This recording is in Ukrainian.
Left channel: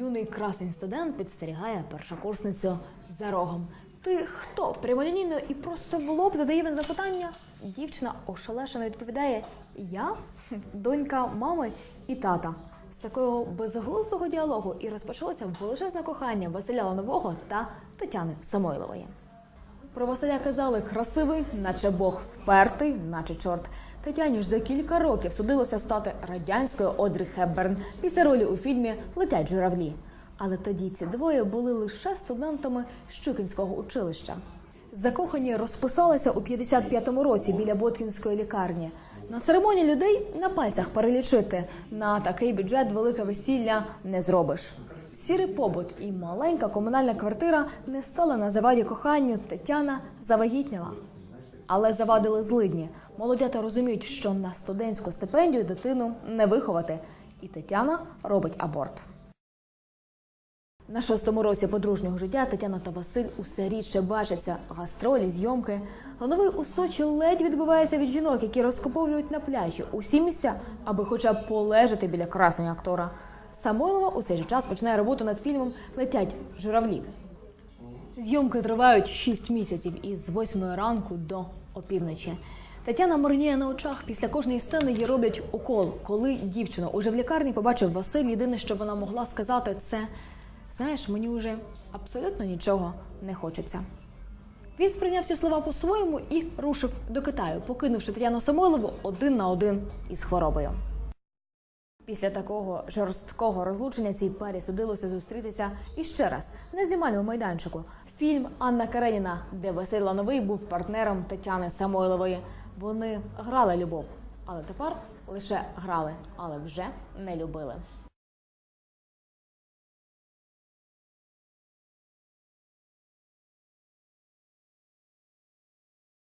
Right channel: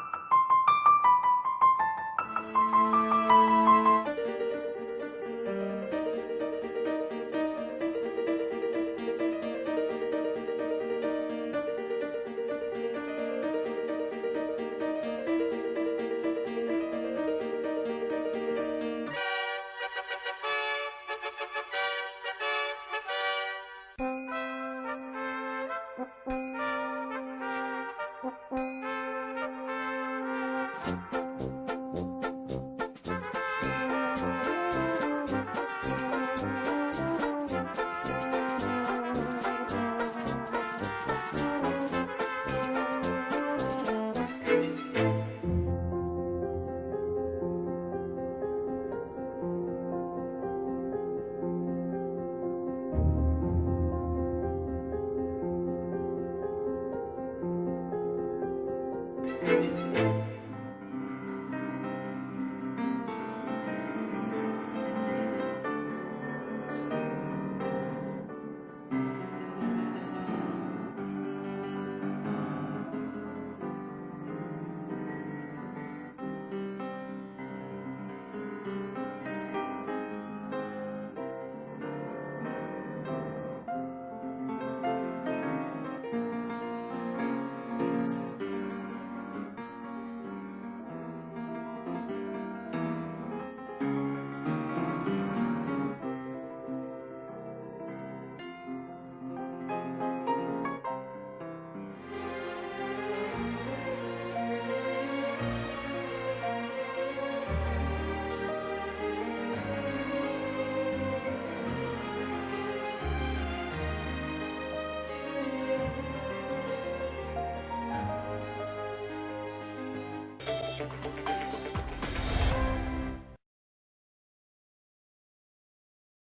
Юний красень студент підстерігає першокурсницю за рогом. Ти хто? Прямолінійно і просто в лоб задає він запитання. Дівчина ошелешено відповідає: Я донька мами і тата. З такого безглуздого діалогу і розпочалося величезне кохання Василя Ланового та Тетяни Самойлової. Про Василя казали красивий, наче Бог впертий, наче чорт. Тетяні ж за кілька років судилося стати радянською Одрі Хепберн після ролі у фільмі Летять журавлі. Але тоді ці двоє були лише студентами Щукінського училища. Закохані розписалися у 55-му році біля Боткінської лікарні. Церемонії людей на пальцях перелічити. На такий бюджет велике весілля не зробиш. Сірий побут і маленька комунальна квартира не стала на заваді коханню. Тетяна завагітніла. Але завадили злидні. Молодята розуміють, що на студентську стипендію дитину не виховати. І Тетяна робить аборт. На шостому році подружнього життя Тетяна та Василь усе рідше бачаться. Гастролі, зйомки. Лановий у Сочі ледь відбувається від жінок, які розкуповують на пляжі усі місця, аби хоча б полежати біля красення актора. Самойлова у цей же час починає роботу над фільмом Летять журавлі. Зйомки тривають 6 місяців із 8 ранку до опівночі. Тетяна морніє на очах. Після кожної сцени їй роблять укол. Коли дівчину уже в лікарні побачив Василь, єдине, що вона могла сказати, це знаєш, мені вже абсолютно нічого не хочеться. Він сприйняв ці слова по-своєму і рушив до Китаю, покинувши Тетяну Самойлову один на один із хворобою. Після такого жорсткого розлучення цій парі судилося зустрітися іще раз на знімальному майданчику. Фільм Анна Кареніна, де Василь Лановий був партнером Тетяни Самойлової. Вони грали любов, але тепер лише грали, але вже не любили.